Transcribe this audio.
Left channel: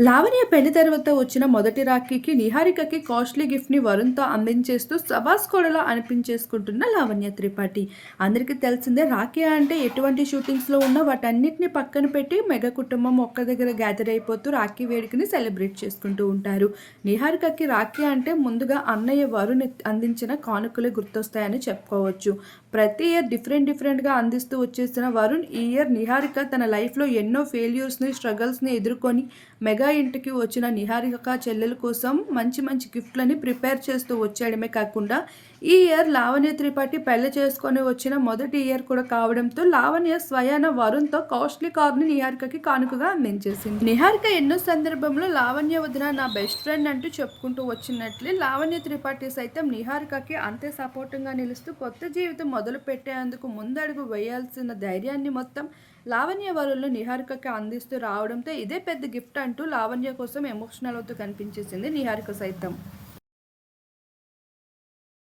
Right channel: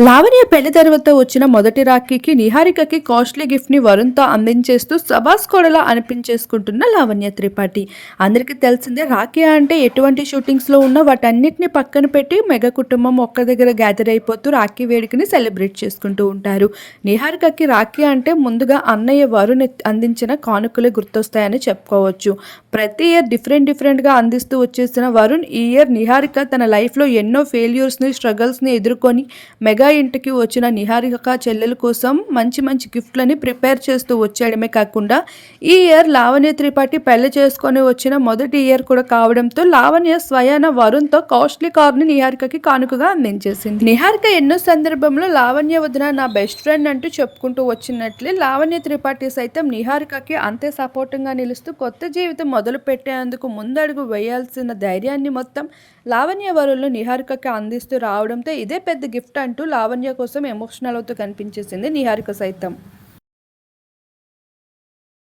లావణ్య పెళ్ళి తర్వాత వచ్చిన మొదటి రాఖీకి నిహారికకి కాస్ట్లీ గిఫ్ట్ని వరుణ్తో అందించేస్తూ సబాస్ కోడలా అనిపించేసుకుంటున్న లావణ్య త్రిపాఠి. అందరికీ తెలిసిందే రాఖీ అంటే ఎటువంటి షూటింగ్స్లో ఉన్న వాటన్నిటిని పక్కన పెట్టి మెగా కుటుంబం ఒక్క దగ్గర గ్యాదర్ అయిపోతూ రాఖీ వేడుకని సెలబ్రేట్ చేసుకుంటూ ఉంటారు. నిహారికకి రాఖీ అంటే ముందుగా అన్నయ్య వరుణ్ అందించిన కానుకలే గుర్తొస్తాయని చెప్పుకోవచ్చు. ప్రతి ఇయర్ డిఫరెంట్ డిఫరెంట్గా అందిస్తూ వచ్చేసిన వరుణ్ ఈ ఇయర్ నిహారిక తన లైఫ్లో ఎన్నో ఫెయిల్యూర్స్ని స్ట్రగల్స్ని ఎదుర్కొని మెగా ఇంటికి వచ్చిన నిహారిక చెల్లెల కోసం మంచి మంచి గిఫ్ట్లని ప్రిపేర్ చేస్తూ వచ్చేయడమే కాకుండా ఈ ఇయర్ లావణ్య త్రిపాఠి పెళ్ళి చేసుకొని వచ్చిన మొదటి ఇయర్ కూడా కావడంతో లావణ్య స్వయాన వరుణ్తో కాస్ట్లీ కార్ని నిహారికకి కానుకగా అందించేసింది. నిహారిక ఎన్నో సందర్భంలో లావణ్య వదిన నా బెస్ట్ ఫ్రెండ్ అంటూ చెప్పుకుంటూ వచ్చినట్లే లావణ్య త్రిపాఠి సైతం నిహారికకి అంతే సపోర్టింగ్గా నిలుస్తూ కొత్త జీవితం మొదలు పెట్టేందుకు ముందడుగు వేయాల్సిన ధైర్యాన్ని మొత్తం లావణ్య వరులు నిహారికకి అందిస్తూ రావడంతో ఇదే పెద్ద గిఫ్ట్ అంటూ లావణ్య కోసం ఎమోషనల్ అవుతూ కనిపించేసింది నిహారిక సైతం.